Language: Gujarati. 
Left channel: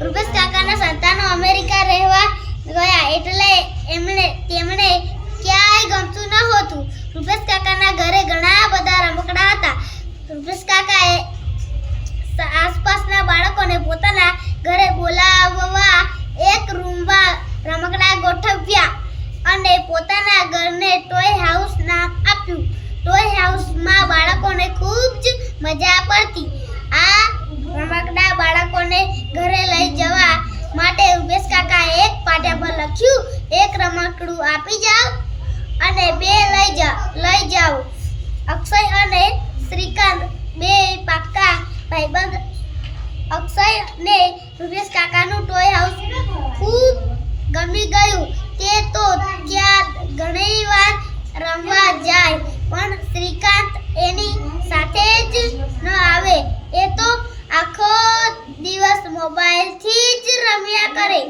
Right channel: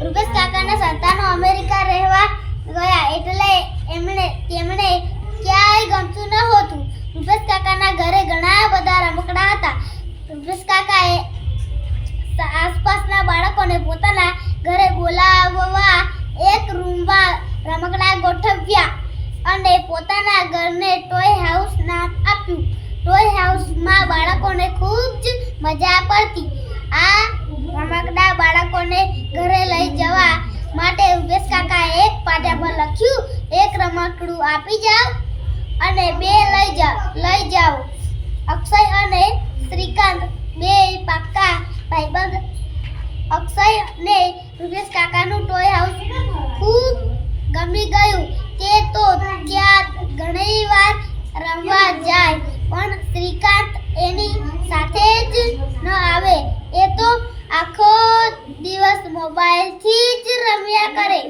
રૂપેશ કાકાના સંતાનો અમેરિકા રહેવા ગયા એટલે તેમણે ક્યાંય ગમતું ન હતું. રૂપેશ કાકાના ઘરે ઘણા બધા રમકડા હતા. રૂપેશ કાકાએ આસપાસના બાળકોને પોતાના ઘરે બોલાવવા એક રૂમમાં રમકડા ગોઠવ્યા અને પોતાના ઘરને ટોય હાઉસ નામ આપ્યું. ટોય હાઉસમાં બાળકોને ખૂબ જ મજા પડતી. આ રમકડા બાળકોને ઘરે લઈ જવા માટે રૂપેશ કાકાએ એક પાટિયા પર લખ્યું, એક રમકડું આપી જાઓ અને બે લઈ જાઓ. અક્ષય અને શ્રીકાંત બે પાક્કા ભાઈબંધ. અક્ષયને રૂપેશ કાકાનું ટોય હાઉસ ખૂબ ગમી ગયું. તે તો ત્યાં ઘણીવાર રમવા જાય, પણ શ્રીકાંત એની સાથે જ ન આવે. એ તો આખો દિવસ મોબાઈલથી જ રમ્યા કરે.